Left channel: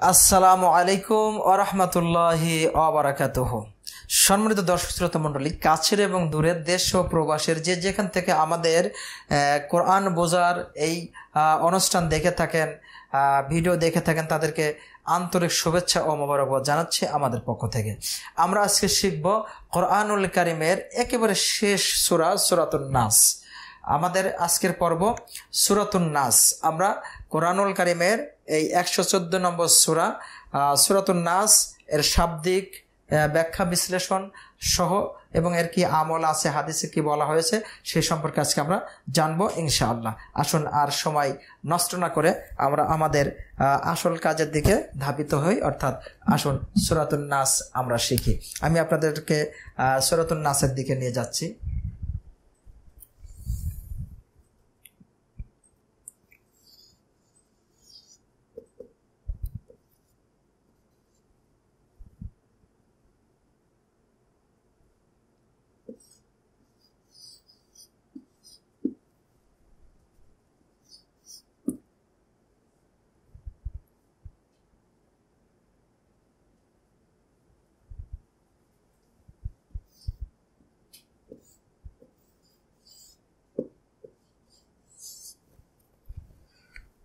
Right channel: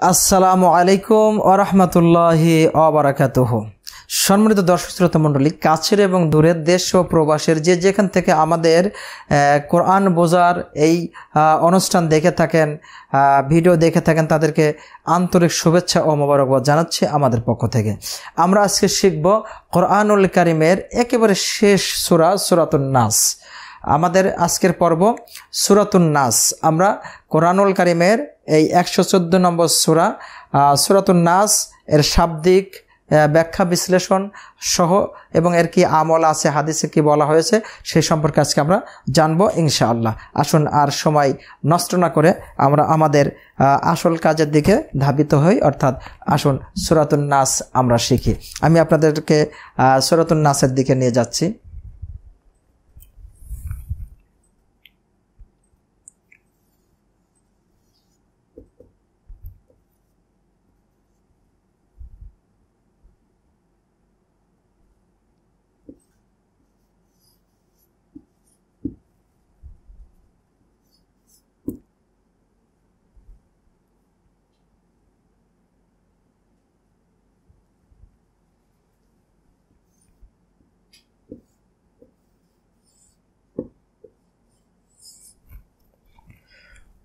আসসালামু আলাইকুম ওয়া রাহমাতুল্লাহি ওয়া বারাকাতুহু। সম্মানিত দর্শক শ্রোতা মণ্ডলী, কাছের এবং দূরের দেশ ও প্রবাসের যে যেখান থেকে আমাদের কোরআন বোঝার এই অনুষ্ঠান দেখে থাকেন, ভিডিও দেখে থাকেন, তাদেরকে আন্তরিক শুভেচ্ছা ও মোবারকবাদ জানাচ্ছি আমাদের পক্ষ থেকে। আমরা আজকে শিখব কোরআনুল কারীমের একেবারে শেষ সূরা সূরাতুন নাস। আমাদের আজকের পর্ব সূরাতুন নাস। আমরা কোরআনুল কারীমের এই 114 নম্বর সূরা সূরাতুন নাস এর শাব্দিক ব্যাখ্যা বিশ্লেষণ সহ এবং এর কি আমল আছে, হাদিসে কি বলা হয়েছে সেই সম্পর্কে আজকে আমরা জানবো ইনশাআল্লাহ। আসুন আর সময় নষ্ট না করে আমরা আমাদের আসল কাজের দিকে ধাবিত হই, অর্থাৎ আসুন সূরাতুন নাস আমরা শিখি। আমি আপনাদেরকে সূরাতুন নাসের দিকে নিয়ে যাচ্ছি।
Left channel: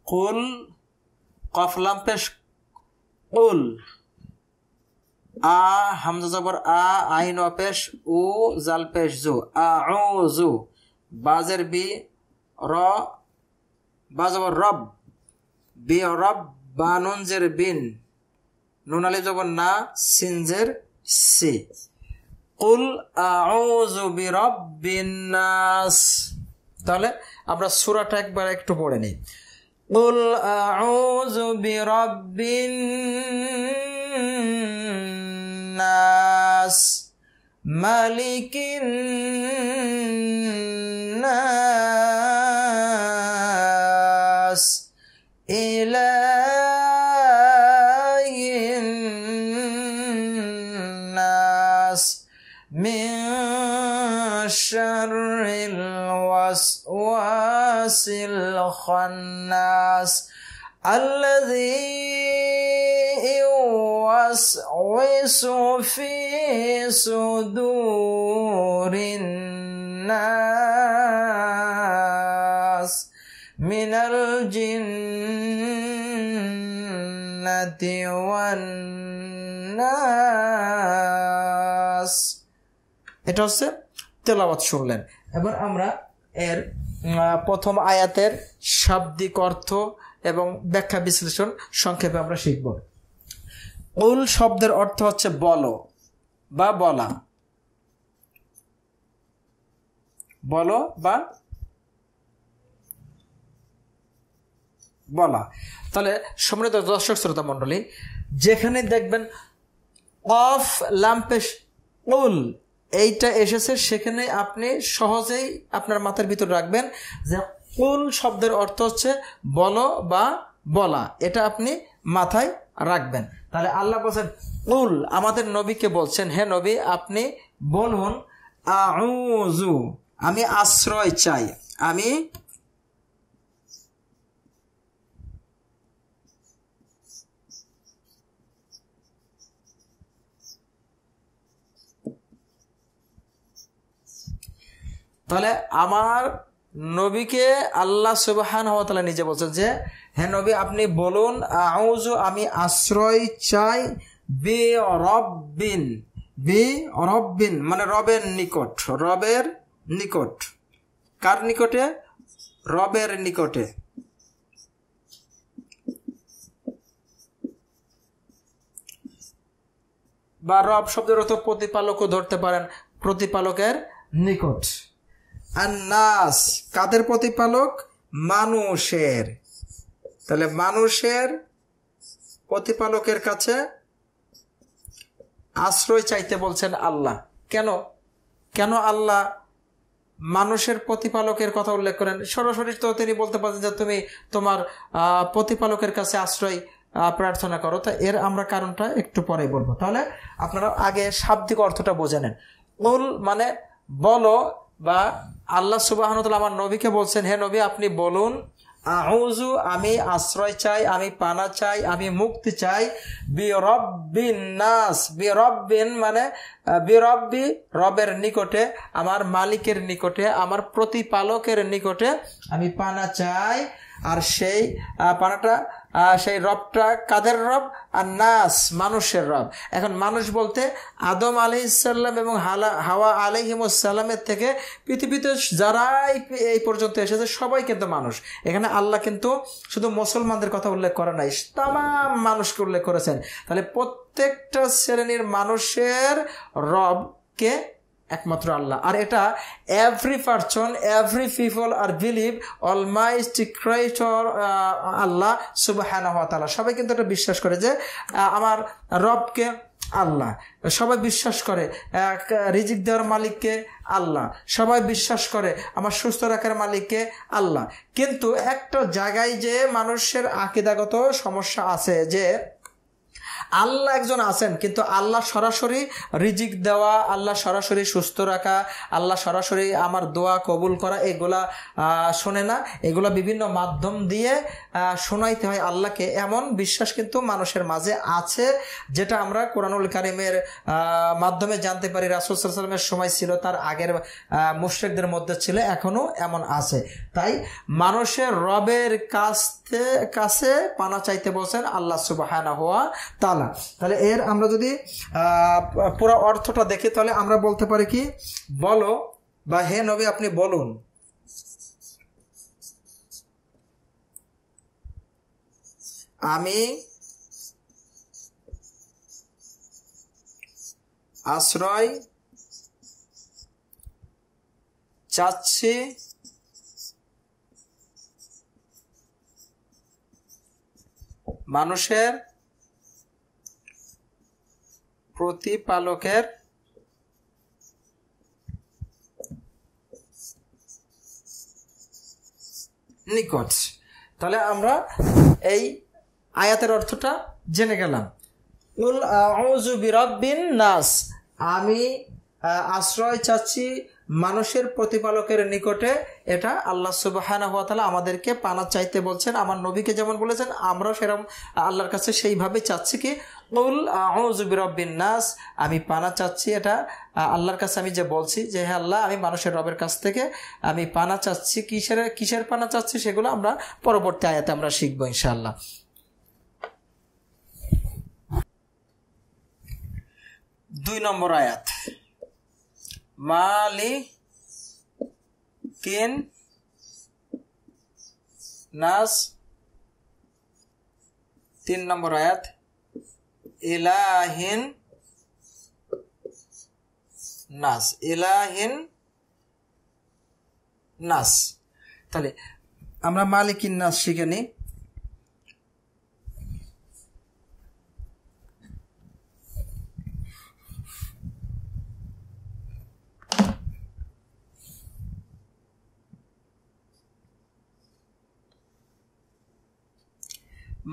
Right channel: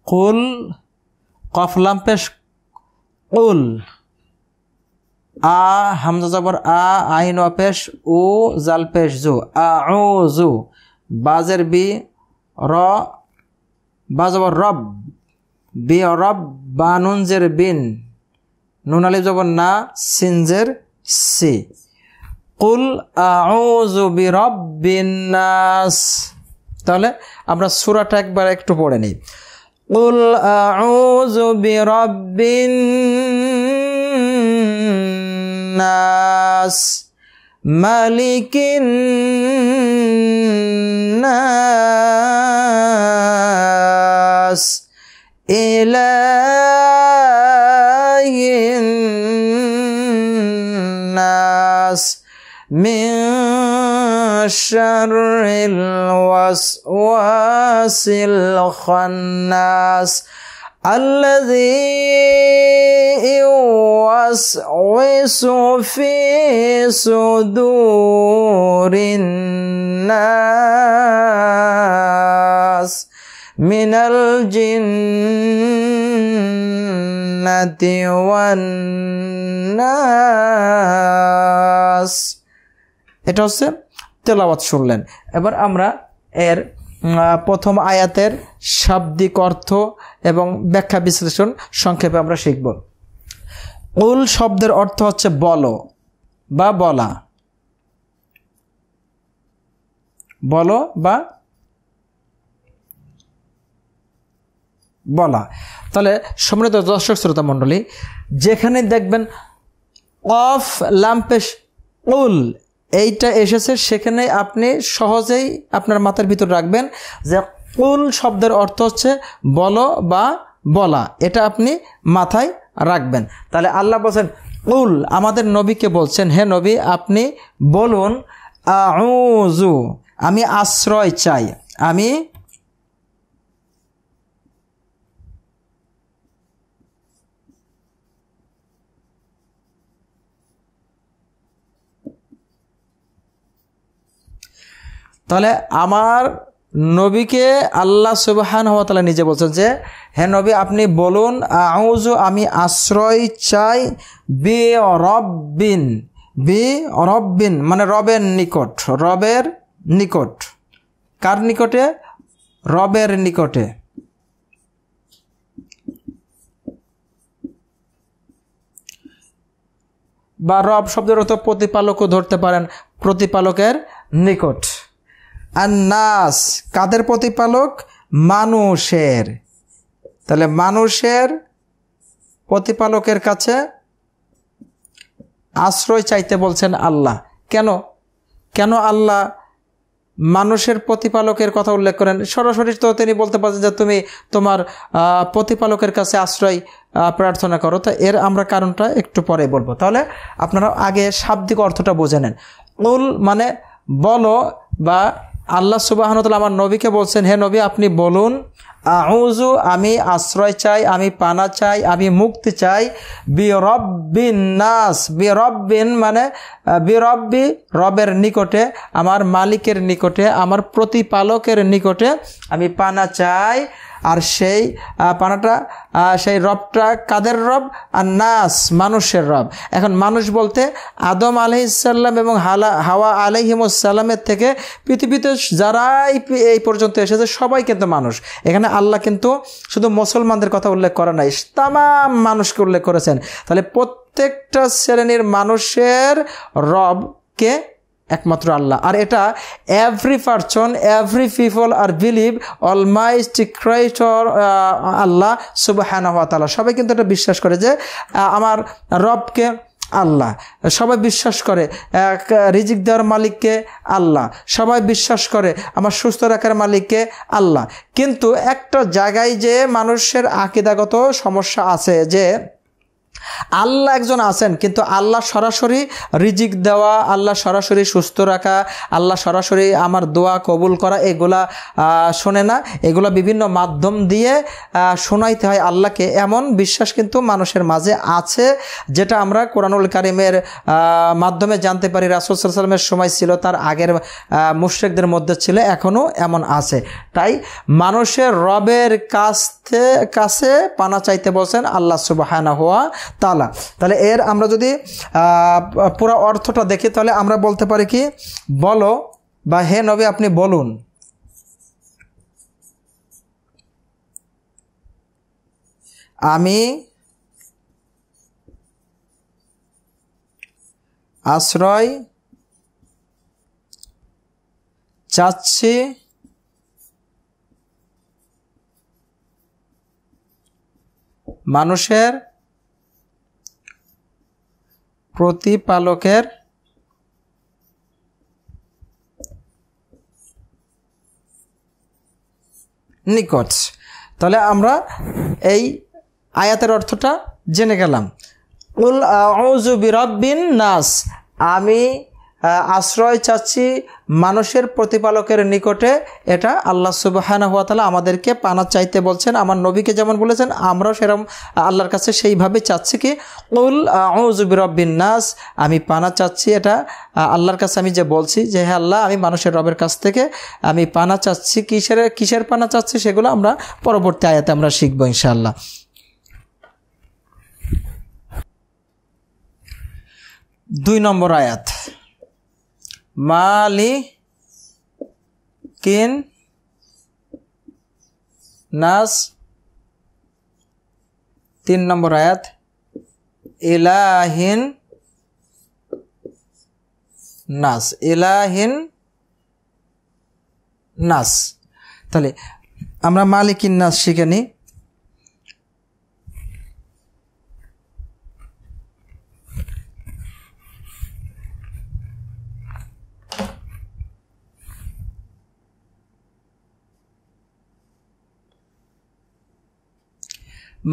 কুল কফ লাম পেশ কুল, আ হামজা জবর আ, আইন পেশ উ, জাল পেশ জু, আউযু, বাজের বি, র বা জবর রব, বি রব, বা নুন জের বিন, নুন আলিফ জবর না, সিন জের সি। কুল আউযু বিরাব্বিন নাস। তাহলে আমরা সূরাটা একবার একটু পড়ে নিই। قل أعوذ برب الناس ملك الناس إله الناس من شر الوسواس الخناس الذي يوسوس في صدور الناس من الجنة والناس। এটা হচ্ছে তেলাওয়াত শুনলেন। এবার আমরা এর প্রথম আয়াতের শাব্দিক অর্থ এবং ব্যাখ্যা বিশ্লেষণ সংক্ষেপে আমরা শিখব। কুল শব্দের অর্থ হচ্ছে বলো বা বলা, বলো বা বলা। তাহলে সম্মানিত দর্শক শ্রোতা মণ্ডলী, যেখানে দেখবেন কফ লাম পেশ কুল এইটা এসেছে, সেখানে আপনি সহজেই আপনার মাথার ভিতর রাখবেন যে কুল শব্দের অর্থ হচ্ছে বলো বা বলা। এটা আপনি মাথায় রাখবেন। তাহলে আল্লাহ বলছেন কুল, আমাদের নবীকে বলছেন, হে নবী আপনি বলুন আউযু, আমি আশ্রয় চাই, আমি তাহলে আমার নবীকে আল্লাহ সুবহানাহু ওয়া তাআলা নিজে বলছেন যে হে নবী আপনি বলুন আউযু, আমি আশ্রয় চাই বি রব্বিন, বি রব্বিন মানে রবের নিকট, রবের নিকট। কার নিকটে? রবের নিকটে। বা রব শব্দের অর্থ প্রতিপালকও ধরতে পারেন, প্রতিপালকের নিকট। আর নাস কাদের প্রতিপালক? মানুষের। তাহলে মানুষের প্রতিপালকের কাছে আশ্রয় চাইতে বলছেন আল্লাহ। কেন কেন আল্লাহ মানুষের প্রতিপালকের কথা উল্লেখ করেন? সরাসরি তো তিনি বলতে পারেন যে তুমি তোমার প্রতিপালকের কাছে আশ্রয় প্রার্থনা করো। তো এর আমরা কারণটা একটু পরে বলবো। তাহলে আপনারা আগে শাব্দিক অর্থটা বুঝে নেন। কুল মানে বলো, বা আল্লাহ সুবহানাহু ওয়া তাআলা আমার নবীকে বলছেন হে নবী আপনি বলুন আউযু আমি আশ্রয় চাই, আমি পানা চাই, আমি মুক্তি চাই, বিরব্বিন নাস, বিরব্বিন মানে বিরব্বি রবের নিকটে, আমার মালিকের নিকটে, আমার প্রতিপালকের নিকটে আমি পানা চাই। আর সেই পানাটা সেই রবটা কাদের রব? আর নাস মানুষের রব। এখন মানুষ বলতে আদম আলাইহিসসালাম এবং হাওয়া আলাইহিমুসসালামের থেকে পৃথিবীতে যারাই এই পর্যন্ত এসেছে সবাই কিন্তু মানুষ। এখানে আল্লাহ কিন্তু শুধু মুসলমানদের কথা উল্লেখ করে নাই, তামাম মানুষকে উল্লেখ করেছেন। তাহলে প্রত্যেকটা শ্রেণীর মানুষের রবকে একমাত্র আল্লাহ। আর এটা এভরি পারসন, এভরি পিপল আর বিলিভ অলমাইটি ক্রিয়েটর আল্লাহ সুবহানাহু ওয়া তাআলা। সবাই কিন্তু এটা বিশ্বাস করে যে আমার রবকে আল্লাহ। সবাই বিশ্বাস করে রিজিক দেওয়ার মালিককে আল্লাহ। সবাই বিশ্বাস করে আমার সুস্থ রাখার মালিককে আল্লাহ। কিন্তু একটা জায়গায় যে মানুষের আকীদাগত সমস্যা আছে যে আল্লাহ একজন আছেন, কিন্তু আল্লাহ সরাসরি রিজিক দেওয়া, আল্লাহ সরাসরি সুস্থ রাখা, আল্লাহ সরাসরি আমার দোয়া কবুল করা এগুলা শোনে না, এগুলা বিভিন্ন মাধ্যম দিয়ে শোনাইতে হয় আল্লাহকে, এমন বিশ্বাস কিন্তু মানুষের মাঝে আছে, যেটা আমরা কোরআনুল কারীমের মাধ্যমে জানতে পারি। রাসূল সাল্লাল্লাহু আলাইহি ওয়াসাল্লামের সময় ছিল, তার আগের মুশরিকদের মধ্যে ছিল, এখনও এমন আছে। তাই মানুষের রবের কাছে পানা চাইতে বলছেন আল্লাহ সুবহানাহু ওয়া তাআলা। তাহলে এর আমরা যদি পুরো অর্থটা দেখি তাহলে আমরা বলতে পারি কি, বলো বা হে নবী আপনি বলুন, আমি আশ্রয় চাচ্ছি মানুষের প্রতিপালকের নিকট। তাহলে আমরা এই আয়াতের অর্থটা জেনে গেলাম। কুল আউযু বিরাব্বিন নাস, আমি আশ্রয় চাচ্ছি মানুষের প্রতিপালকের নিকটে। এটা আল্লাহ সুবহানাহু ওয়া তাআলা আমাদেরকে পানা চাইতে বলছেন। আমার নবীকে যেমন বলেছেন আমরাও সেরকম আল্লাহর কাছে সেইভাবে চাচ্ছি কি, কুল আউযু বিরাব্বিন নাস, আমি পানা চাচ্ছি। এটা আল্লাহর কাছে আমি যে বলছি যে হে আল্লাহ আমি মানুষের রবের কাছ থেকে আমি পানা চাচ্ছি। কিসের পানা চাচ্ছি সেগুলো আমরা পরবর্তী আয়াতে আমরা শিখবো ইনশাআল্লাহ। 2 নম্বর আয়াত, মালিকিন নাস। 3 নম্বর আয়াত, ইলাহিন নাস, ইলাহিন নাস। তাহলে আমরা মালিকিন নাস শিখে নিই।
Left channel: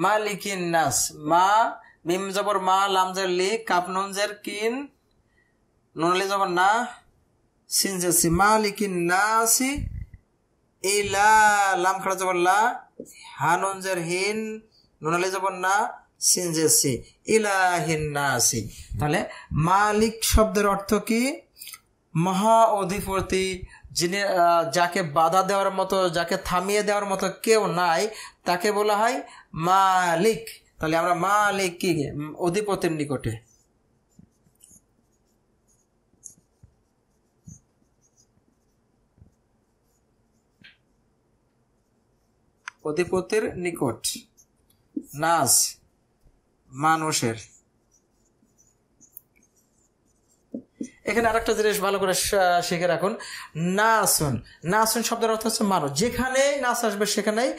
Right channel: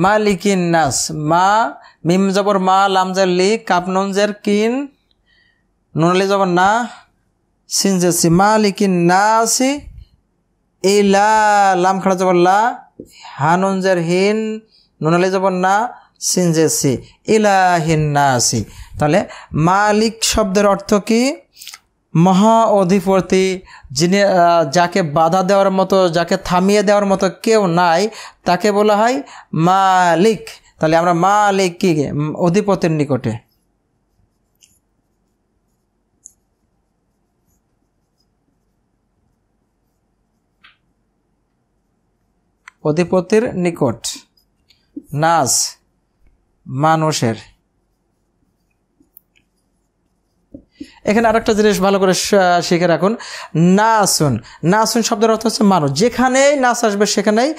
মালিকিন নাস, মা মিম জবর মা, লাম জের লি, কাপ নুন জের কিন, নুন আলি জবর না, সিন জের সি, মালিকিন নাসি, ইলা লাম খাড়া জবর লা, হা নুন জের হিন, নুন আলি জবর না, সিন জের সি, ইলাহিন নাসি। তাহলে মালিক শব্দের অর্থ কি? মহা অধিপতি, যিনি যাকে বাধা দেওয়ার মতো, যাকে থামিয়ে দেওয়ার মতো কেউ নাই, তাকে বলা হয় মালিক। তাহলে আমরা মালিক কি, অধিপতির নিকটে। অধিপতির নিকট, নাস মানুষের। এখানে আরেকটা জিনিস ভালো করে শিখে রাখুন, নাসুন, নাসুন শব্দের অর্থ হচ্ছে মানুষ। যেখানেই নাস আসবে সেখানেই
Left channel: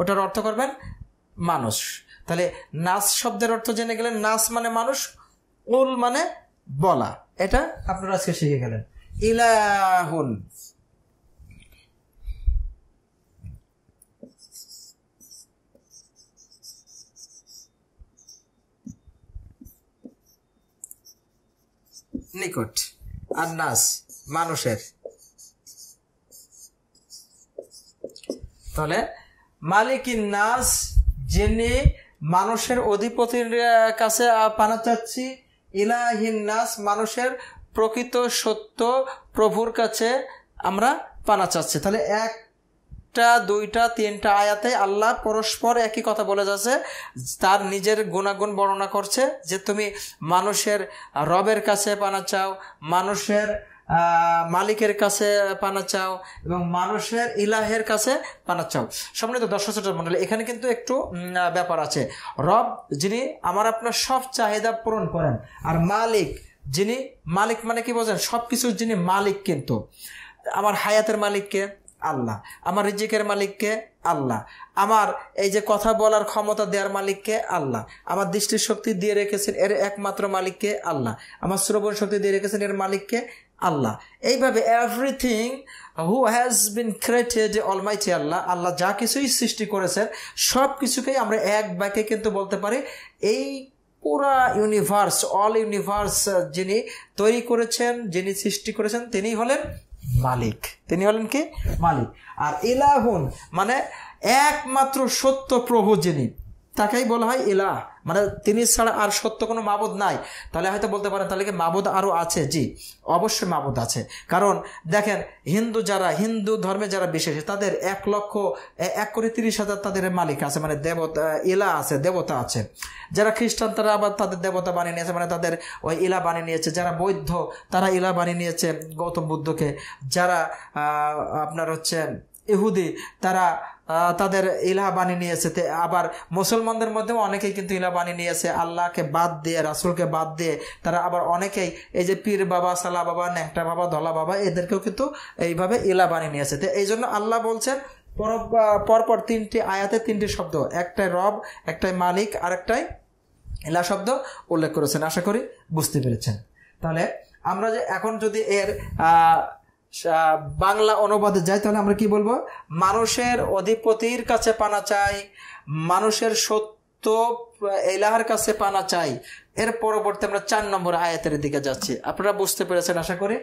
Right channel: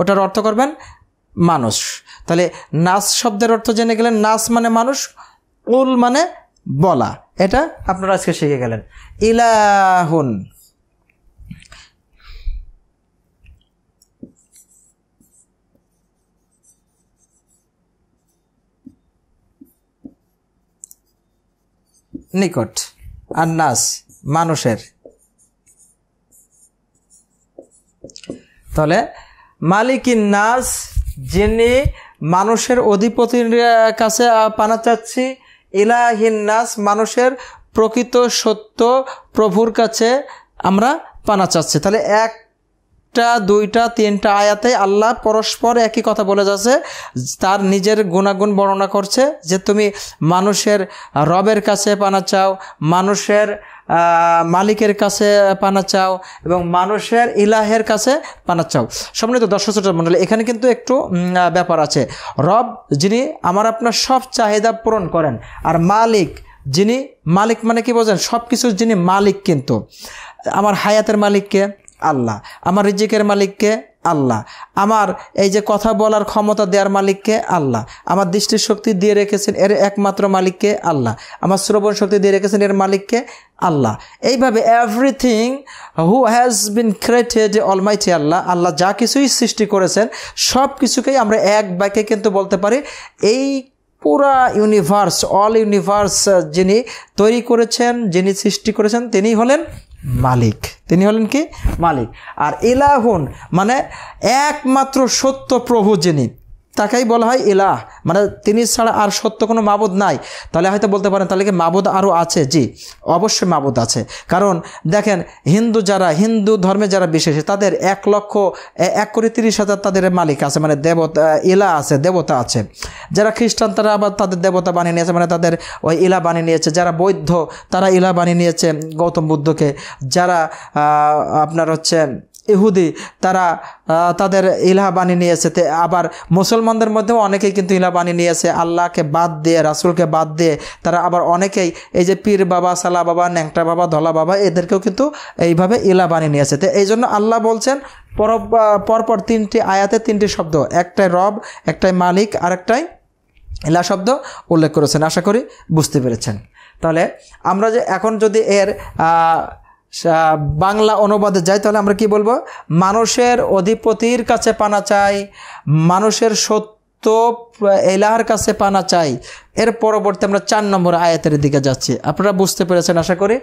ওটার অর্থ করবেন মানুষ। তাহলে নাস শব্দের অর্থ জেনে গেলেন, নাস মানে মানুষ, উল মানে বলা, এটা আপনারা আজকে শিখে গেলেন। ইলাহুন, নিকট, আর নাস মানুষের। তাহলে মালিকিন নাস, যিনি মানুষের অধিপতির কাছে পানা চাচ্ছি। ইলাহিন নাস, মানুষের প্রকৃত সত্য প্রভুর কাছে আমরা পানা চাচ্ছি। তাহলে একটা, দুইটা, তিনটা আয়াতে আল্লাহ পরস্পর একই কথা বলে যাচ্ছে, তার নিজের গুণাগুণ বর্ণনা করছে যে তুমি মানুষের রবের কাছে পানা চাও, মানুষের মালিকের কাছে পানা চাও এবং মানুষের ইলাহের কাছে পানা চাও। সম্মানিত দর্শক শ্রোতা মণ্ডলী, এখানে কিন্তু একটু ব্যাপার আছে। রব যিনি আমার আপনার সব চাহিদা পূরণ করেন, আর মালিক যিনি, মালিক মানে কি বোঝেন, সব কিছুর যিনি মালিক, কিন্তু আমার হায়াতের মালিককে আল্লাহ, আমার রিজিকের মালিককে আল্লাহ, আমার এই যে কথা বলার ক্ষমতা দেওয়ার মালিককে আল্লাহ, আমার দৃষ্টির শক্তি দিয়ে রেখেছেন এর একমাত্র মালিককে আল্লাহ, আমার শ্রবণ শক্তি দিয়ে রেখেছেন এর মালিককে আল্লাহ। এইভাবে everything who has been created almighty Allah, Allah যা কিছুই সৃষ্টি করেছেন সব কিছুকেই আমরা এক বাক্যে কিন্তু বলতে পারি এই পুরা ইউনিভার্স, অল ইউনিভার্স যিনি তৈরি করেছেন, যিনি সৃষ্টি করেছেন, তিনি হলেন মালিক। তিনি হলেন কি? মালিক। আর ইলাহুন মানে একমাত্র সত্য প্রভু যিনি, তাকেই বলা হয় ইলাহ, মানে তিনি ছাড়া আর সত্য কোনো মাবুদ নাই। তাহলে হয়তো বলতে পারেন তাহলে কি মাবুদ আরও আছে? জি, অবশ্যই মাবুদ আছে। কারণ দেখেন, হিন্দু ধর্মে যারা বিশ্বাসী তাদের 1,30,000 তাদের মালিক আছে, মানে দেবতা, ইলা আছে, দেবতা আছে। যারা খ্রিস্টান তারা আবার তাদের দেবতা বানিয়ে নিয়েছে, মানে তাদের ওই ইলা বানিয়ে নিয়েছে। যারা বৌদ্ধ তারা ইলা বানিয়ে নিয়েছে গৌতম বুদ্ধকে। যারা আপনার হচ্ছে ইহুদি তারা তাদের ইলাহ বানিয়ে নিয়েছে। আবার মুসলমানদের মধ্যেও অনেকেই কিন্তু ইলাহ বানিয়ে নিয়েছে আল্লাহকে বাদ দিয়ে, রাসূলকে বাদ দিয়ে। তারা আবার অনেকেই এই যে পীর বাবা, সালা বাবা, ন্যাংটা বাবা, ধলা বাবা, এদেরকেও কিন্তু এইভাবে ইলাহ বানিয়ে নিয়েছে। তো এই জন্য আল্লাহ বলছেন পরপর 3টি আয়াতে 3টি শব্দ, একটাই রব, একটাই মালিক, আর একটাই ইলাহ শব্দ উল্লেখ করেছেন। আশা করি বুঝতে পেরেছেন। তাহলে আমরা যে এখন যদি এর বাংলা অনুবাদে যাই তাহলে আমরা কি বলবো? মানুষের অধিপতির কাছে পানা চাই, মানুষের সত্য ইলাহের কাছে পানা চাই। এর পরবর্তী আমরা 4 নম্বর আয়াতের দিকে যাচ্ছি। আপনারা বুঝতে পেরেছেন আশা করি।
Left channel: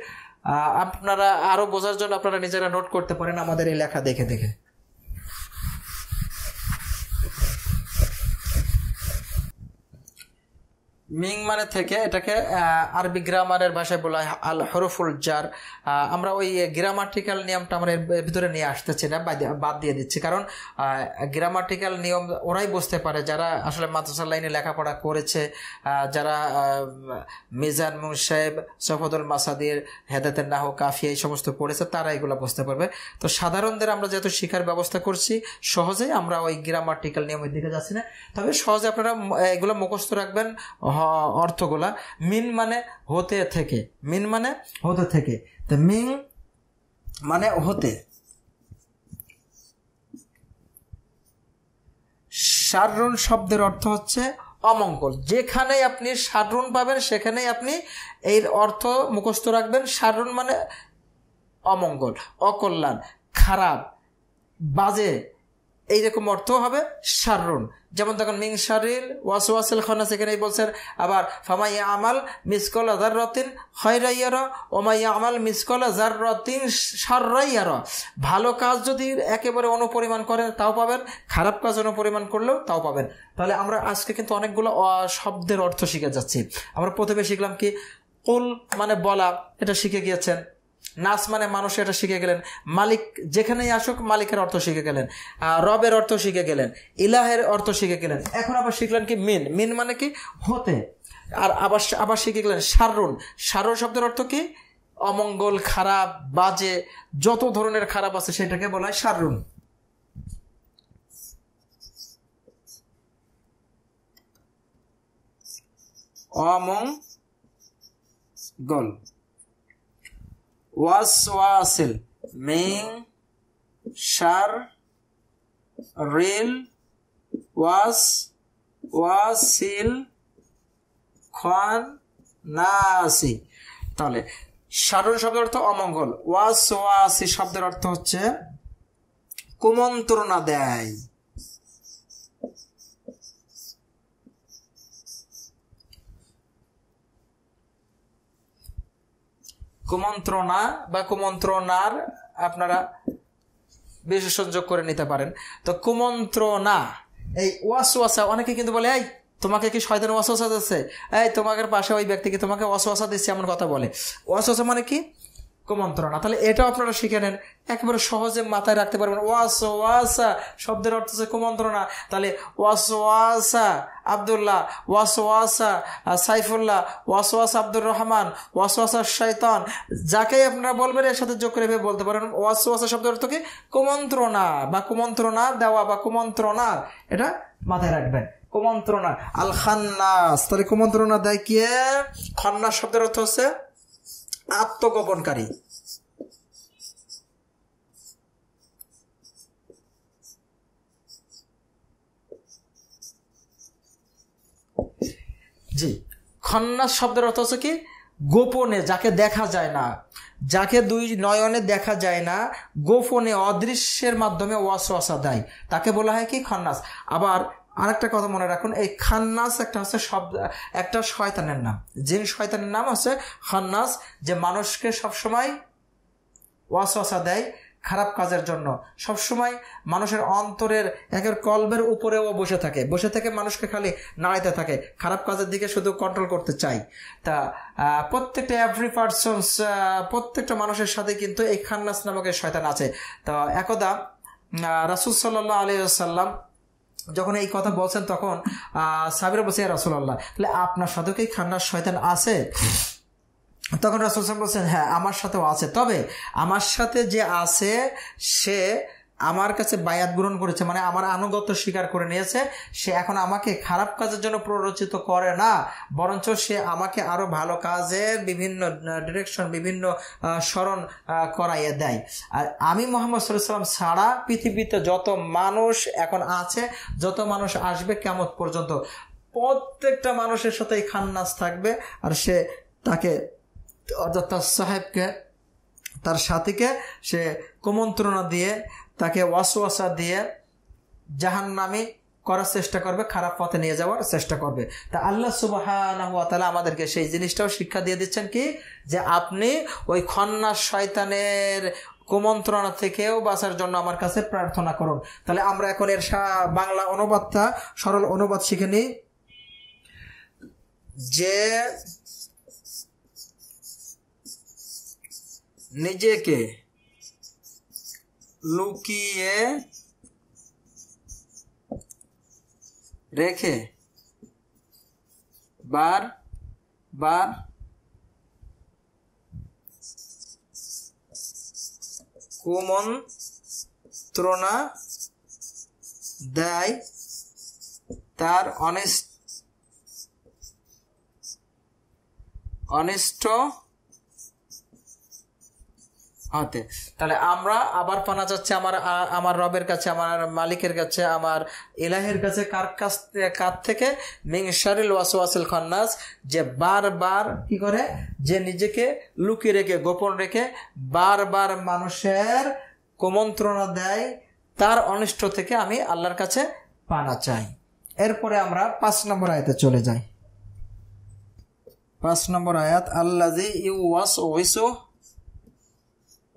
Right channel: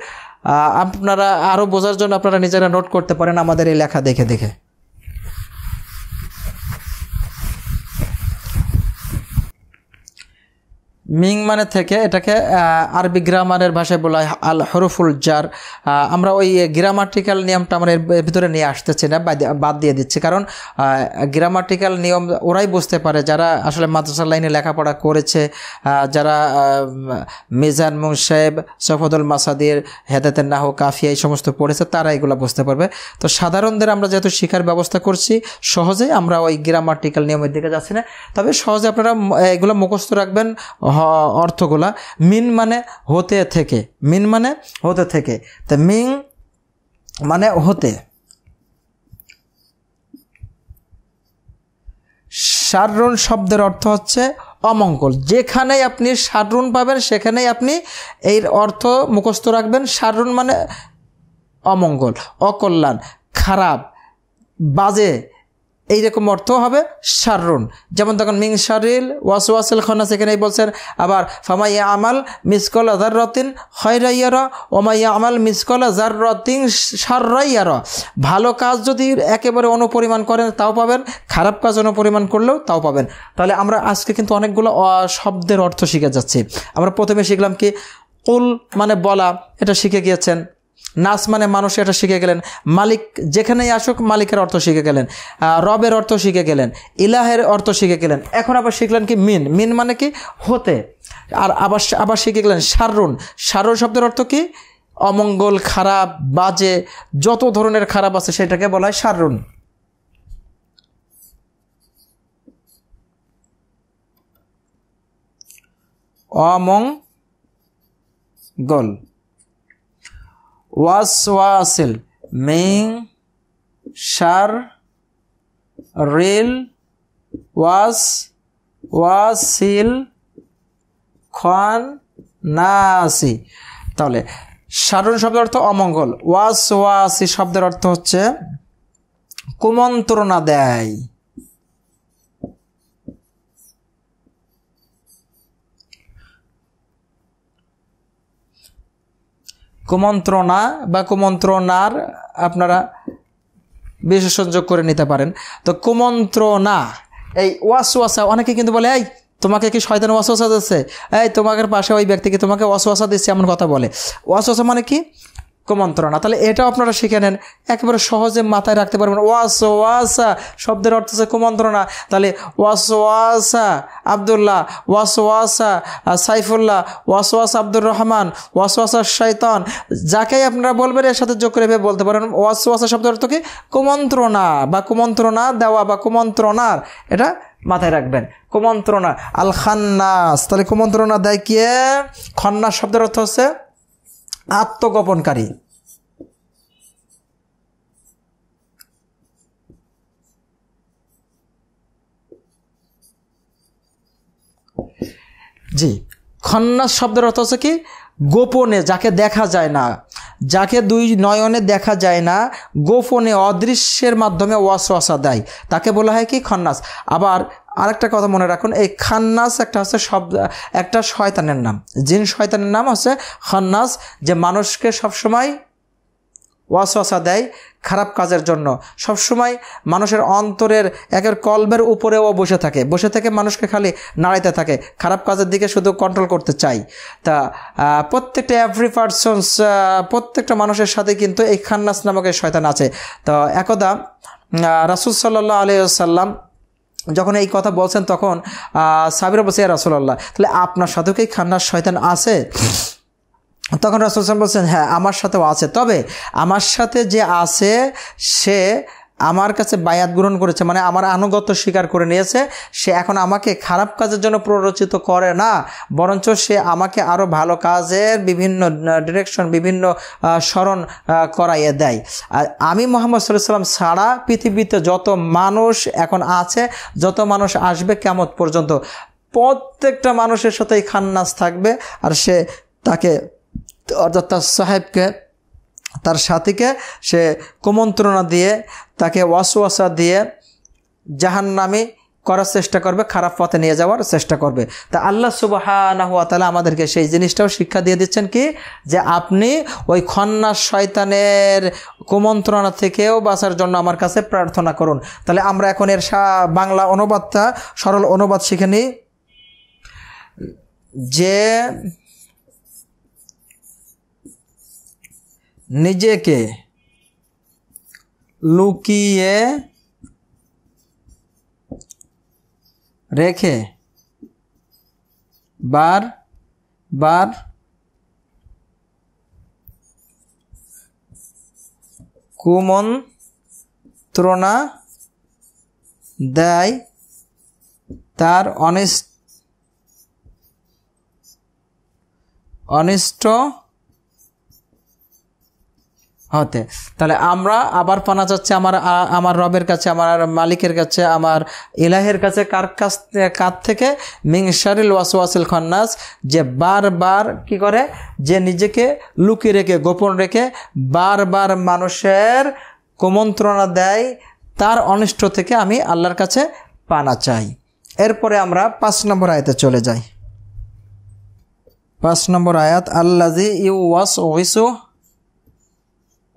আপনারা আরও বোঝার জন্য আপনারা নিজেরা নোট করতে পারেন আমাদের এই লেখা দেখে দেখে। মিং মানে থেকে, এটাকে আরবি গ্রামারের ভাষায় বলা হয় আল হরফুল জার। আমরা ওই গ্রামাটিক্যাল নিয়মটা আমরা এর ভিতরে নিয়ে আসতেছি না, বাদ দিয়ে দিচ্ছি। কারণ গ্রামাটিক্যাল নিয়ম ওরাই বুঝতে পারে যারা আসলে মাদ্রাসা লাইনে লেখাপড়া করেছে, যারা মিজান মুনসাহেব, সফদুল মাসাদির, হেদায়েতুন নাহু, কাফিয়া এই সমস্ত পড়েছে, তারা এগুলো বুঝতে পারবে। তো সাধারণদের আমরা যেহেতু শেখার ব্যবস্থা করছি, সহজেই আমরা ওই গ্রামাটিক্যাল নিয়মের দিকে যাচ্ছি না। তবে সহজে আপনারা এগুলো মুখস্থ রাখবেন অর্থগুলা। মিন মানে হতে থেকে, মিন মানে হতে থেকে। তো মিন মানে হতে। শাররুন শব্দের অর্থ হচ্ছে অমঙ্গল। যেখানেই আপনি শাররুন পাবেন সেখানেই আপনি এর অর্থ মুখস্থ রাখবেন। শাররুন মানে অমঙ্গল, অকল্যাণ, খারাপ, বাজে, এইরকম অর্থ হবে শাররুন। যেমন দেখুন মিং শারিল ওয়াসওয়াসিল খান্নাস, এখানেই বলছেন। আবার ফামাই আমাল মিসকলা যাররাতিন খায়রা ইয়ারা ওয়া মাই আমাল মিসকলা যাররাতিন শাররা ইয়ারা। ভালো কাজ যদি একেবারে অনুপরিমাণ করেন তাও পাবেন, খারাপ কাজ অনুপরিমাণ করলেও তাও পাবেন। তাহলে আমরা আজকে কিন্তু অনেকগুলো শব্দের অর্থ শিখে যাচ্ছি। আমরা প্রথমে শিখলাম কি, কুল মানে বলা, এটা শিখে গিয়েছেন। নাস মানে মানুষ, এটা শিখে গেলেন। মালিক যেখানেই আসুক মালিকের অর্থ শিখে গেলেন। রবের অর্থ শিখে গেলেন, ইলাহের অর্থ শিখে গেলেন। এখন আবার শিখলেন কি মিন, মিন মানে কি হতে। আর আবার শিখে গেলেন শাররুন। শাররুন শব্দের অর্থ কি? অমঙ্গল, খারাপ, বাজে, যত ধরনের খারাপ আছে সেটাকে বলা হয় শাররুন। অমঙ্গল। ওয়াসওয়াসিল মিং শাররিল ওয়াসওয়াসিল খান্নাসি। তাহলে শাররুন শব্দের অর্থ অমঙ্গল, ওয়াসওয়াসি শব্দের অর্থ হচ্ছে কুমন্ত্রণা দেয়। কুমন্ত্রণা বা কুমন্ত্রণার আপনারা বিশেষণ যোগ করে নিতে পারেন। তো কুমন্ত্রণা, এই ওয়াসওয়াসা, অনেকে কিন্তু বলে এই তোমাকে কি শয়তান ওয়াসওয়াসা দিচ্ছে, এই তোমাদের পাশে ওই ব্যক্তিকে তোমাকে ওয়াসওয়াসা দিচ্ছে, এমন কথা বলে। ওয়াসওয়াসা মানে কি? কুমন্ত্রণা। তাহলে এটাও আপনারা শিখে নেন, একেবারে সহজে মাথায় রাখতে পারবেন। ওয়াসওয়াসা শব্দের অর্থ হচ্ছে কুমন্ত্রণা। তাহলে ওয়াসওয়াসা আব্দুল্লাহ, ওয়াসওয়াসা সাইফুল্লাহ, ওয়াসওয়াসা আব্দুর রহমান, ওয়াসওয়াসা শয়তান, যাকেই আপনারা বলবেন এর সাথে যোগ করে বলতে পারেন ওয়াসওয়াসা শব্দের অর্থ কি? কুমন্ত্রণা বা কুমন্ত্রণা দেওয়া বা কুমন্ত্রণার, এটা মাথায় রাখবেন। কুমন্ত্রণা। আল খান্নাস, তাহলে কুমন্ত্রণা দেয় কে? খান্নাস শব্দের অর্থ হচ্ছে আত্মগোপনকারী। জি, খন্নাস শব্দের অর্থ হচ্ছে কি? গোপনে, যাকে দেখা যায় না, যাকে দুই নয়নে দেখা যায় না, গোপনে অদৃশ্যের মাধ্যমে ওয়াসওয়াসা দেয়, তাকে বলা হয় কি? খন্নাস। আবার আরেকটা কথা মনে রাখুন, এই খান্নাস একটা হচ্ছে শব্দ, একটা শয়তানের নাম, জিন শয়তানের নাম হচ্ছে খান্নাস, যে মানুষকে সবসময় ওয়াসওয়াসা দেয় খারাপ কাজের জন্য। সবসময় মানুষের অন্তরের একের কলবের উপরেও বসে থেকে মানুষকে খালি নাড়াইতে থাকে, খারাপ কাজের দিকে শুধু কন্ট্রোল করতে চাই। তা প্রত্যেকটা এভরি পারসনস, প্রত্যেকটা মানুষের সাথে কিন্তু এই খান্নাস নামক এই শয়তান আছে। তো একদা রাসূল সাল্লাল্লাহু আলাইহি ওয়াসাল্লাম যখন এই কথা বলছেন, তখন সাহাবীরা বলছে, ইয়া রাসূলুল্লাহ, তাহলে আপনার সাথেও কি খান্নাস শয়তান আছে? তখন রাসূল সাল্লাল্লাহু আলাইহি ওয়াসাল্লাম বলছেন, হ্যাঁ আমার সাথেও আছে, তবে আমার সাথে যে আছে সে আমার কাছে বায়াত গ্রহণ করেছে, মানে আমার আনুগত্য স্বীকার করে নিয়েছে। সে এখন আমাকে খারাপ কাজের জন্য প্ররোচিত করে না, বরঞ্চ সে আমাকে আরও ভালো কাজের বিভিন্ন ডিরেকশন, বিভিন্ন স্মরণ করাইয়ে দেয়। আর আমি মুহাম্মদ সাল্লাল্লাহু আলাইহি ওয়াসাল্লাম ছাড়া পৃথিবীতে যত মানুষ এখন আছে, যত মানুষ আসবে কিয়ামত পর্যন্ত, প্রত্যেকটা মানুষের সাথেই খান্নাস থাকবে। আর সে তাকে, অর্থাৎ তার সাহেবকে, তার সাথীকে সে কুমন্ত্রণা দিয়ে, তাকে ওয়াসওয়াসা দিয়ে জাহান্নামী করার চেষ্টা করবে, খারাপ পথে নিয়ে যাওয়ার চেষ্টা করবে। তা আল্লাহ সুবহানাহু ওয়া তাআলা আমাদেরকে সেই জিনিসটাও শিক্ষা দিয়ে দিচ্ছেন কি, যে আপনি ওই খন্নাস শয়তানের কুমন্ত্রণা থেকেও বাঁচার জন্য আমার কাছে প্রার্থনা করুন। তাহলে আমরা এখন এর বাংলা অনুবাদটা, সরল অনুবাদ শিখে নিই। যে নিজেকে লুকিয়ে রেখে বার বার কুমন্ত্রণা দেয়, তার অনিষ্ট হতে। তাহলে আমরা আবার পানা যাচ্ছে আমার রবের কাছে, আমার মালিকের কাছে, আমার ইলাহের কাছে, কার থেকে? মিন শারিল ওয়াসওয়াসিল খান্নাস, যে বারবার কি করে, যে নিজেকে লুকিয়ে রেখে, গোপন রেখে বারবার মানুষের কুমন্ত্রণা দেয়, তার অনিষ্ট থেকে আমি আল্লাহর কাছে পানা চাই। এরপরে আমরা 5 নম্বর আয়াতে চলে যাই। 5 নম্বর আয়াত, আল্লাযী ইউওয়াসওয়িসু,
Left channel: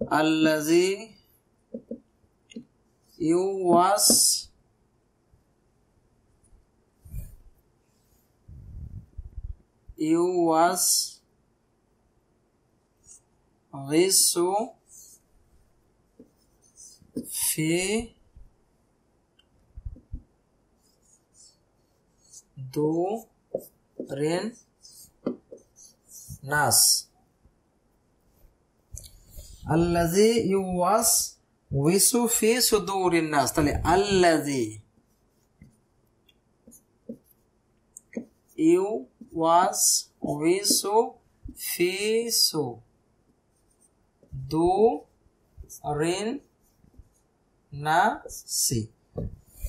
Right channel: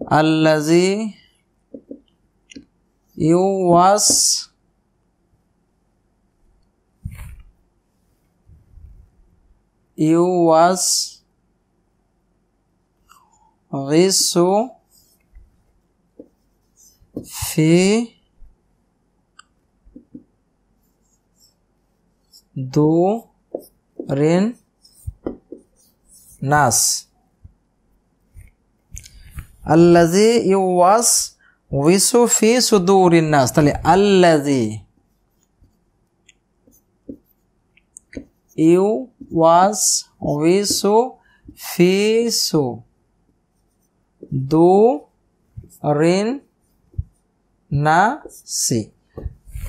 আল্লাযী ইউওয়াসওয়িসু ফি দুরিন নাস। আল্লাযী ইউওয়াসওয়িসু ফি সুদুরিন নাস, তাহলে আল্লাযী ইউওয়াসওয়িসু ফি সুদুরিন নাসি,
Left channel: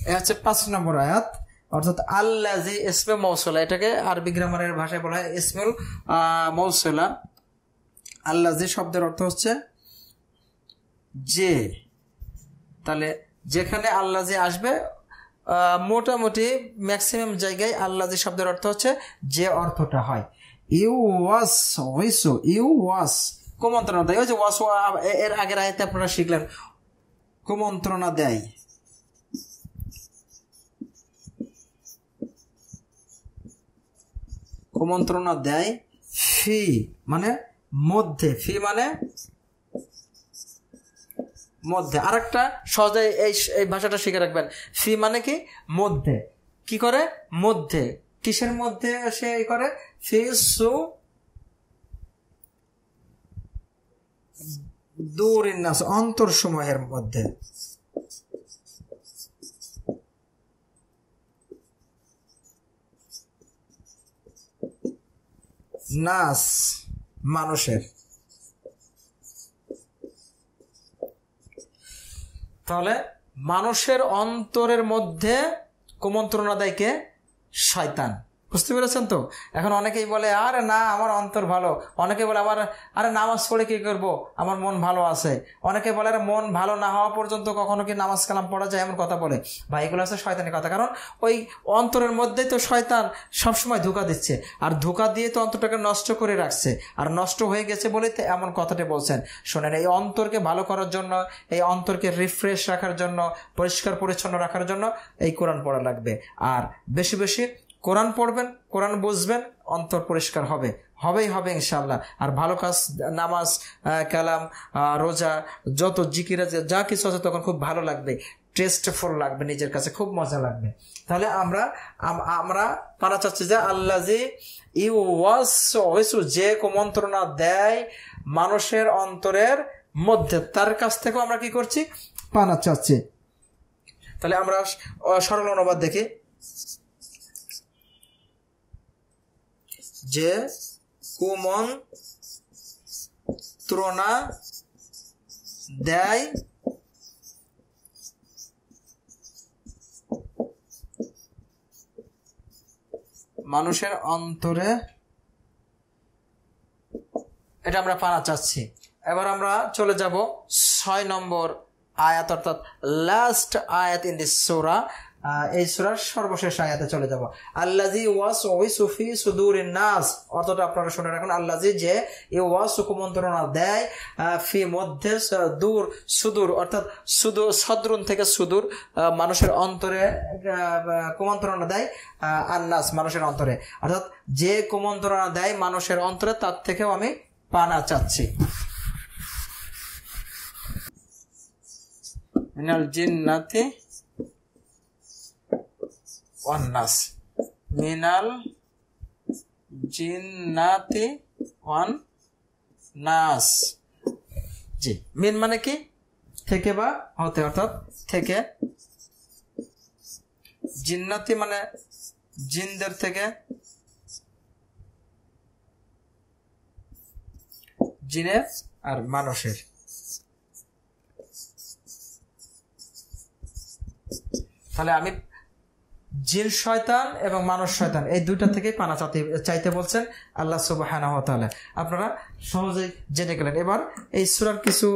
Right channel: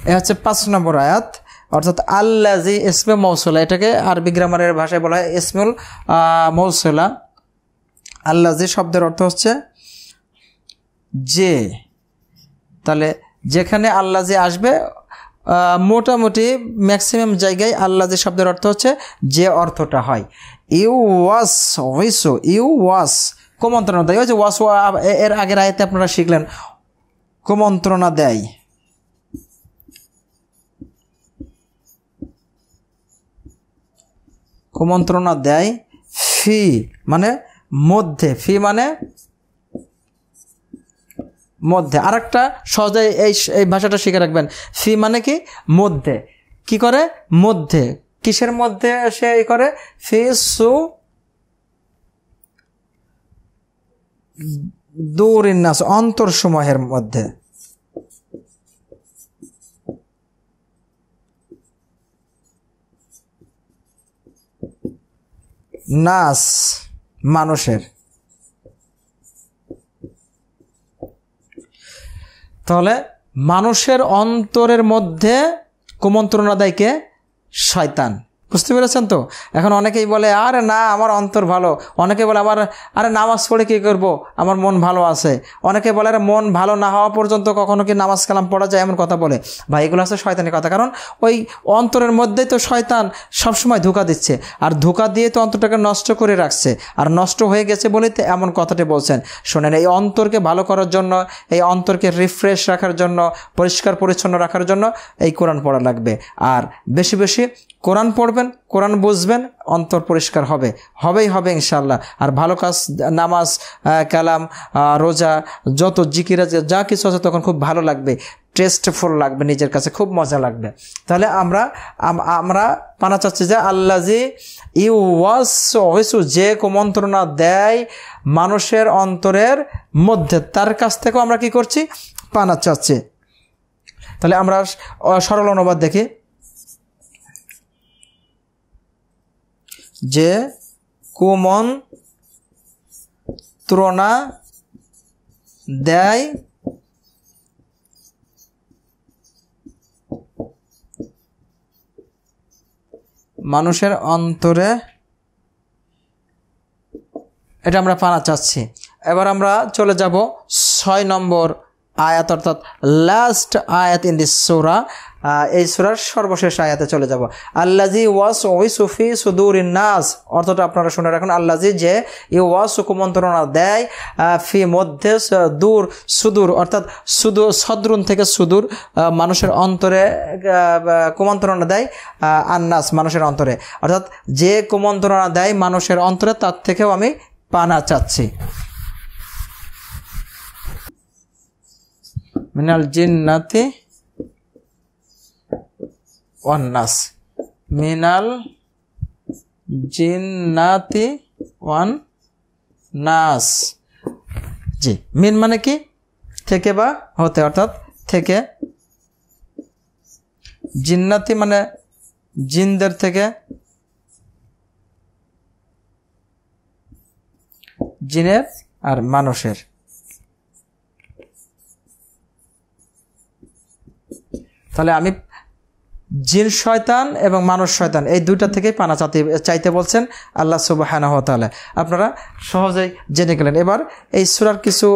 এ হচ্ছে 5 নম্বর আয়াত। অর্থাৎ আল্লাযী ইসমে মৌসুলা, এটাকে আরবি গ্রামারের ভাষায় বলা হয় ইসমুল মৌসুলা। আল্লাযী শব্দের অর্থ হচ্ছে যে। তাহলে যেখানে আল্লাযী আসবে, মোটামুটি ম্যাক্সিমাম জায়গায় আল্লাযী শব্দের অর্থ হচ্ছে যে অর্থটা হয়। ইউওয়াস কুমন্ত্রণা দেয়, ওই যে ওয়াস, এর আগের আয়াতে আপনারা শিখলেন কুমন্ত্রণা দেয়, কুমন্ত্রণা দেয় ফি মানে মধ্যে, ফি মানে মধ্যে। আরেকটা সহজে এই ভাষাটা শিখে রাখবেন, ফি মানে কি মধ্যে, কি করে মধ্যে, কিসের মধ্যে সে করে, ফি সু দূরিন নাস, অন্তরসমূহের মধ্যে, নাস মানুষের। তাহলে মানুষের অন্তরের মধ্যে কুমন্ত্রণা দেয় কে? শয়তান। বুঝতে পেরেছেন তো? এখন অনেকেই বলে আরে না আমার অন্তর ভালো, অনেকে বলে আরে নামাজ পড়ে কী করব, আমার মন ভালো আছে। অনেকে বলে আরে মন ভালো না হওয়া পর্যন্ত কখনো কি নামাজ কালাম পড়া যায়, এমন কথা বলে। ভাই এগুলো আছে শয়তানি কথা, কারণ ওই অন্তরের মধ্যেই তো শয়তান সবসময় ধোঁকা দিচ্ছে, আর ধোঁকা দিয়ে তো অন্তরটাকে নষ্ট করে রাখছে, আর নষ্ট হয়ে গেছে বলেই তো এমন কথাটি বলছেন। শোনেন, এই অন্তরকে ভালো করার জন্য, এই অন্তরকে রিফ্রেশ রাখার জন্য, পরিষ্কার পরিচ্ছন্ন রাখার জন্য এই কোরআন পড়া লাগবে। আর বেশি বেশি কোরআন পড়বেন, কোরআন বুঝবেন, অন্তর পরিষ্কার হবেই হবে ইনশাআল্লাহ। আর ভালো কাজ, নামাজ কালাম রোজা যত জিকির আছে যা কিছু আছে তখন খুব ভালো লাগবে, টেস্টফুল লাগবে, নিজের কাছে খুব মজা লাগবে। তাহলে আমরা পানা চাচ্ছি যে আল্লাজি ইউওয়াসু, যে কুমন্ত্রণা দেয় মানুষের অন্তরের মধ্যে, তার কাছ থেকেও আমরা কি করছি? পানা চাচ্ছি। তাহলে আমরা সরল অনুবাদ দেখি, যে কুমন্ত্রণা দেয় মানুষের অন্তরে, এটা আমরা পানা চাচ্ছি। এবার আমরা চলে যাব 6 নম্বর আয়াত, অর্থাৎ লাস্ট আয়াত ইন দিস সূরা। এই সূরার সর্বশেষ আয়াতে চলে যাব। আল্লাজি ওয়াসওয়াসু ফি সুদুরিন নাস, অর্থটা আপনারা শুনে রাখুন। আল্লাজি যে ওয়াসু কুমন্ত্রণা দেয়, ফি মধ্যে, দূর সুদূর অর্থাৎ সদরুন থেকে সুদূর, মানুষের অন্তরে কুমন্ত্রণা দেয়, আন্নাস মানুষের অন্তরে, অর্থাৎ যে কুমন্ত্রণা দেয় মানুষের অন্তরে তার থেকেও আমি পানা চাচ্ছি। মিনাল জিন্নাতি ওয়ান নাস, মিনাল জিন্নাতি ওয়ান নাস। জি, মিন মানে কি? থেকে বা হতে, অর্থাৎ থেকে। জিন্নাতি মানে জিনদের থেকে, জিনের আর মানুষের। তাহলে আমি জিন শয়তান এবং মানুষ শয়তান এই দুইটা থেকেই পানা চাইতে বলছেন আল্লাহ সুবহানাহু ওয়া তাআলা। আপনারা সহজেই জেনে গেলেন। এবার এই সূরার কিছু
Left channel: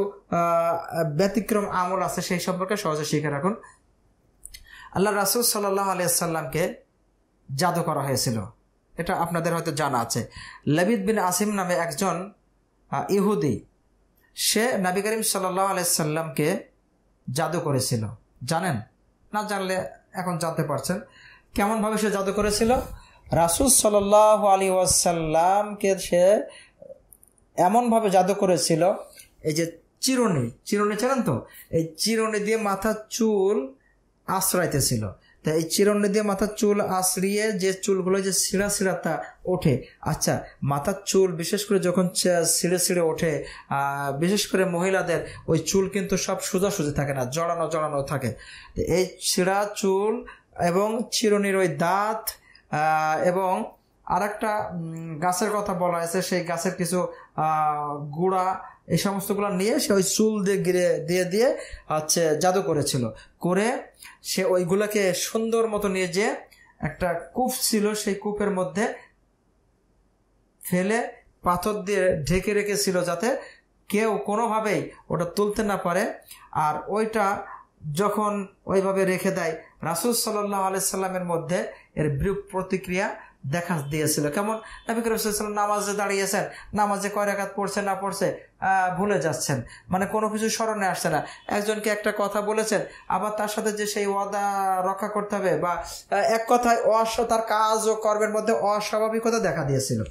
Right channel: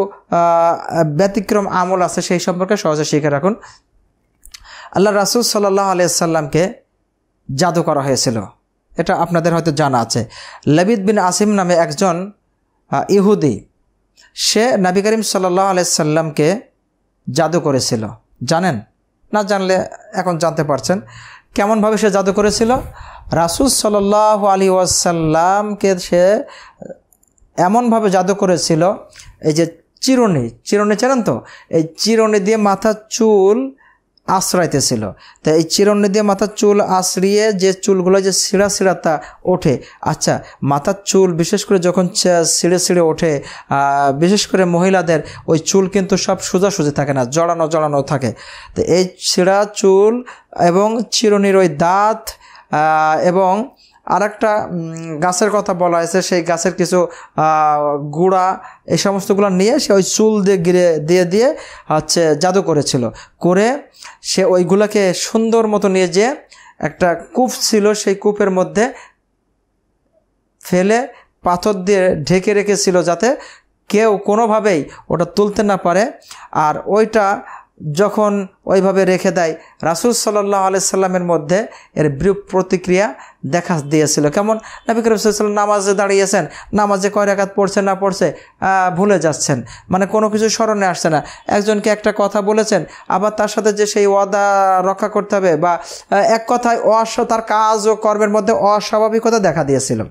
ব্যতিক্রম আমল আছে, সেই সম্পর্কে সহজে শিখে রাখুন। আল্লাহ রাসূল সাল্লাল্লাহু আলাইহি সাল্লামকে জাদু করা হয়েছিল, এটা আপনাদের হয়তো জানা আছে। লাবিদ বিন আসিম নামে একজন ইহুদি, সে নবী করিম সাল্লাল্লাহু আলাইহি সাল্লামকে জাদু করেছিল। জানেন? না জানলে এখন জানতে পারছেন। কেমনভাবে সে জাদু করেছিল? রাসূল সাল্লাল্লাহু আলাইহি ওয়াসাল্লামকে সে এমনভাবে জাদু করেছিল, এই যে চিরুনি চেনেন তো, এই চিরুনি দিয়ে মাথার চুল আশ্রাইতেছিল। তো এই চিরুনি দিয়ে মাথার চুল আশ্রিয়ে যে চুলগুলো যে ছিঁড়া তা ওঠে। আচ্ছা, মাথার চুল বিশেষ করে যখন ছিঁড়ে ওঠে, বিশেষ করে মহিলাদের ওই চুল কিন্তু সব সোজাসুজি থাকে না, জড়ানো থাকে। তো এই ছিঁড়া চুল এবং চিরুনির ওই দাঁত এবং আরেকটা গাছের কথা বলা হয়েছে, সেই গাছের কিছু গুঁড়া, এই সমস্তগুলো নিয়ে সে ওই চুল দিয়ে দিয়ে হচ্ছে জাদু করেছিল। করে সে ওইগুলোকে সুন্দর মতো নিয়ে যে একটা কূপ ছিল, সেই কূপের মধ্যে ফেলে পাথর দিয়ে ঢেকে রেখেছিল, যাতে কেউ কোনোভাবেই ওটা তুলতে না পারে। আর ওইটা যখন ওইভাবে রেখে দেয়, রাসূল সাল্লাল্লাহু আলাইহি সাল্লামের মধ্যে এর বিরূপ প্রতিক্রিয়া দেখা দিয়েছিল। কেমন? নবী করিম সাল্লাল্লাহু আলাইহি ওয়াসাল্লাম নামাজে দাঁড়িয়েছেন, নামাজে কয় রাকাত পড়ছে না পড়ছে ভুলে যাচ্ছেন, মানে কোনো কিছু স্মরণে আসছে না। একজনকে একটা কথা বলেছেন, আবার তার সাথে যে সেই ওয়াদা রক্ষা করতে হবে, বা এক কথায় তার কাজ ও কর্মের মধ্যে অস্বাভাবিকতা দেখা দিয়েছিল।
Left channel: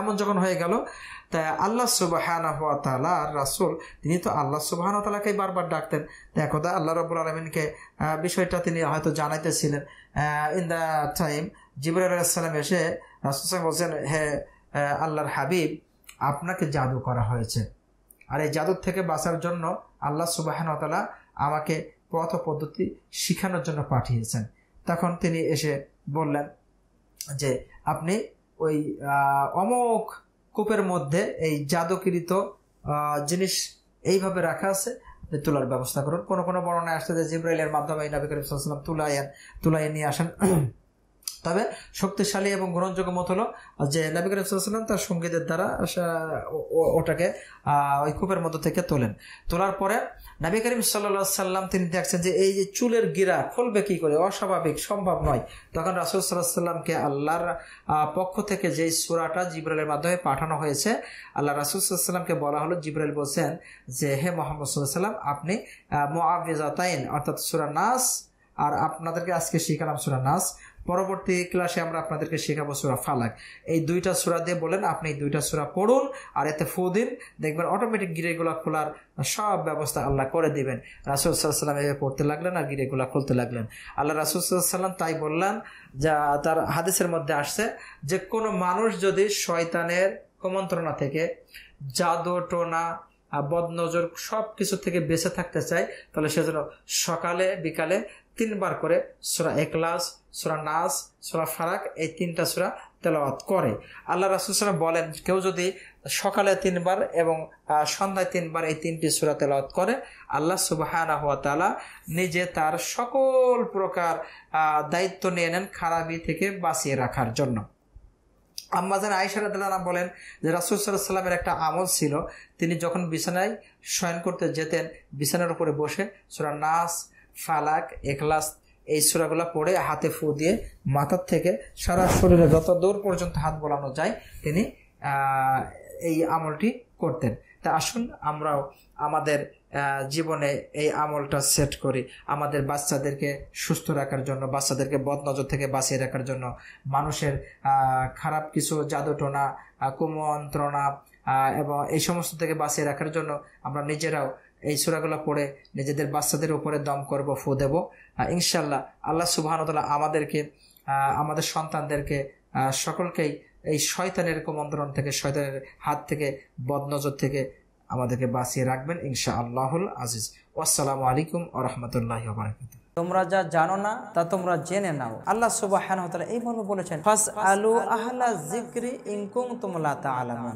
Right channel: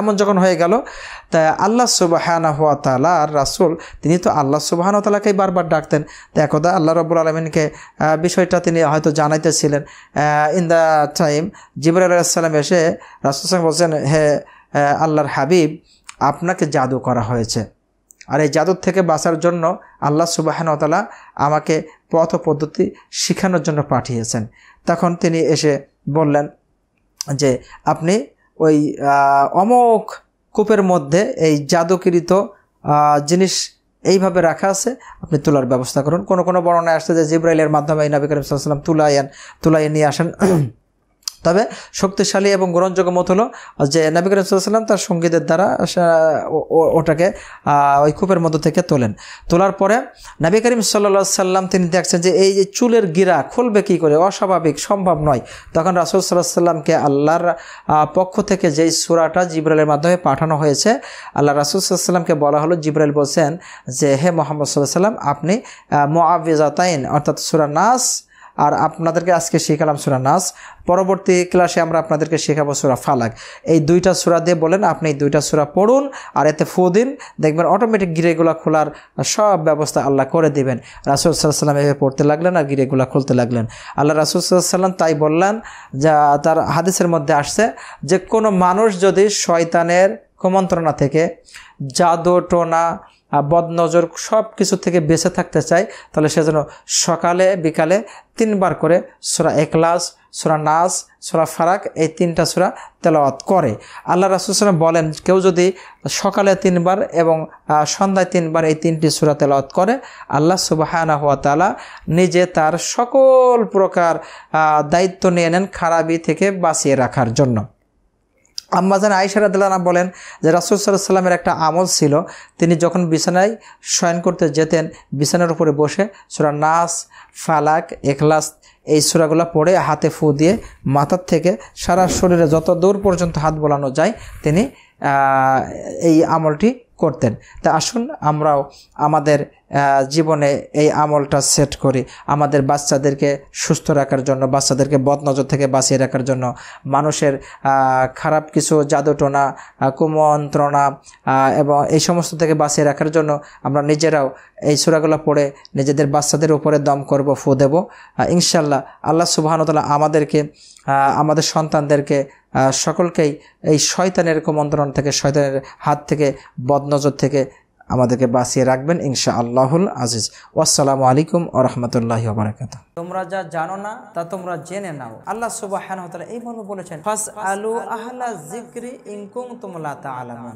এমন যখন হয়ে গেল, তা আল্লাহ সুবহানাহু ওয়া তাআলা আর রাসূল তিনি তো আল্লাহ সুবহানাহু ওয়া তাআলাকেই বারবার ডাকতেন। তো একদা আল্লাহ রাব্বুল আলামিনকে বিষয়টা তিনি হয়তো জানাইতেছিলেন। ইন দ্য টাইম জিবরাইল আলাইহিস সালাম এসে রাসূল সাল্লাল্লাহু আলাইহি ওয়াসাল্লাম বলছেন, হে আল্লাহর হাবিব, আপনাকে জাদু করা হয়েছে, আর এই জাদুর থেকে বাঁচার জন্য আল্লাহ সুবহানাহু ওয়া তাআলা আমাকে পথ পদ্ধতি শেখানোর জন্য পাঠিয়েছেন। তখন তিনি এসে বললেন যে আপনি ওই অমোক কূপের মধ্যে এই জাদুকৃত জিনিস এইভাবে রাখা আছে, আপনি তোলার ব্যবস্থা করুন। কোনো কোনো বর্ণনায় আসছে যে জিবরাইলের মাধ্যমে নবী করিম সাল্লাল্লাহু আলাইহি ওয়াসাল্লাম তুলাইয়ে নিয়ে আসেন। তবে শক্তিশালী এবং গ্রহণযোগ্য মত হলো যে নবী করিম সাল্লাল্লাহু আলাইহি ওয়াসাল্লাম তার সঙ্গীদের দ্বারা ওটাকে ওই কূপের মধ্য থেকে তোলার পরে নবী করিম সাল্লাল্লাহু আলাইহি ওয়াসাল্লাম তিনি দেখছেন যে এই যে চুলের গিরা খুলবে কী করে, অস্বাভাবিক, সম্ভব নয়। তখন রাসূল সাল্লাল্লাহু আলাইহি ওয়াসাল্লামকে আল্লাহর পক্ষ থেকে যেই সূরাটা জিবরাইলের মাধ্যমে পাঠানো হয়েছে, আল্লাহ রাসূল সাল্লাল্লাহু আলাইহি ওয়াসাল্লামকে বলা হলো, জিবরাইল বলছেন যে হে মুহাম্মদ সাল্লাল্লাহু আলাইহি ওয়াসাল্লাম, আপনি মুআউযিজাতাইন অর্থাৎ সূরা নাস, আর আপনাদেরকে আজকে শেখালাম সূরা নাস, পরবর্তী ক্লাসে আমরা আপনাদেরকে শেখাবো সূরা ফালাক। এই দুইটা সূরা দিয়ে বলেন আপনি এই দুইটা সূরা পড়ুন আর এতে ফু দিন, দেখবেন অটোমেটিক গিরেগুলো খোলার সব ব্যবস্থা আল্লাহ করে দিবেন। রাসূল সাল্লাল্লাহু আলাইহি ওয়াসাল্লাম এভাবে পড়তে লাগলেন আর গিরেগুলো খুলতে লাগলেন। আল্লাহ রাসূল সাল্লাল্লাহু আলাইহি ওয়াসাল্লাম তাই বললেন, যা তার হাদিসের মধ্যে আসছে যে কোনো মানুষ যদি শয়তানের কুমন্ত্রণা থেকে, জাদু টোনা, বদনজর সব কিছু থেকে বেঁচে থাকতে চায়, তাহলে সে যেন সকালে বিকালে 3 বার করে সূরা ইখলাস, সূরা নাস, সূরা ফালাক এই 3টা সূরা তেলাওয়াত করে। আল্লাহ রাসূল সাল্লাল্লাহু আলাইহি ওয়াসাল্লাম বলেন, কেউ যদি সকালে 3 বার এবং সন্ধ্যায় 3 বার এই 3টি সূরা তেলাওয়াত করে, আল্লাহ সুবহানাহু ওয়া তাআলা নিজে তার সকল প্রকার দায়িত্ব নিয়ে নেন খারাপি থেকে বাঁচিয়ে রাখার জন্য। আম্মাজান আয়েশা রাদিয়াল্লাহু আনহা বলেন যে রাসূল সাল্লাল্লাহু আলাইহি ওয়াসাল্লামের একটা আমল ছিল, তিনি যখন বিছানায় শয়ন করতে যেতেন, বিছানার উপরে বসে সূরা নাস, ফালাক, ইখলাস এই সূরাগুলো পড়ে হাতে ফু দিয়ে মাথার থেকে সারা শরীরে যত দূর পর্যন্ত হাত বোলানো যায় তিনি এই আমলটি করতেন। তা আসুন আমরাও আমাদের জীবনে এই আমলটা সেট করি, আমাদের বাচ্চাদেরকে সুস্থ রাখার জন্য, বাচ্চাদেরকে বদনজর থেকে বাঁচিয়ে রাখার জন্য, মানুষের খারাপ কিছু জাদুটোনা, কুমন্ত্রণা এবং এই সমস্ত থেকে বাঁচিয়ে রাখার জন্য আমরা নিজেরাও এই সূরাগুলো পড়ে নিজেদের বাচ্চাদের উপরে দম করব, ফু দেব। ইনশাআল্লাহ আল্লাহ সুবহানাহু ওয়া তাআলা আমাদেরকে, আমাদের সন্তানদেরকে, সকলকেই এই শয়তানের কুমন্ত্রণা থেকে, শয়তানের হাত থেকে, বদনজর থেকে আমাদেরকে বাঁচিয়ে রাখবেন ইনশাআল্লাহুল আজিজ। আসসালামু আলাইকুম ওয়া রাহমাতুল্লাহি ওয়া বারাকাতুহু। তোমরা যা জানো না তা তোমরা জেনে নাও। আল্লাহ সুবহানাহু ওয়া তাআলা এই মর্মে বলেছেন, ফাসআলু আহলা যিকরি ইন কুনতুম লা তা'লামুন।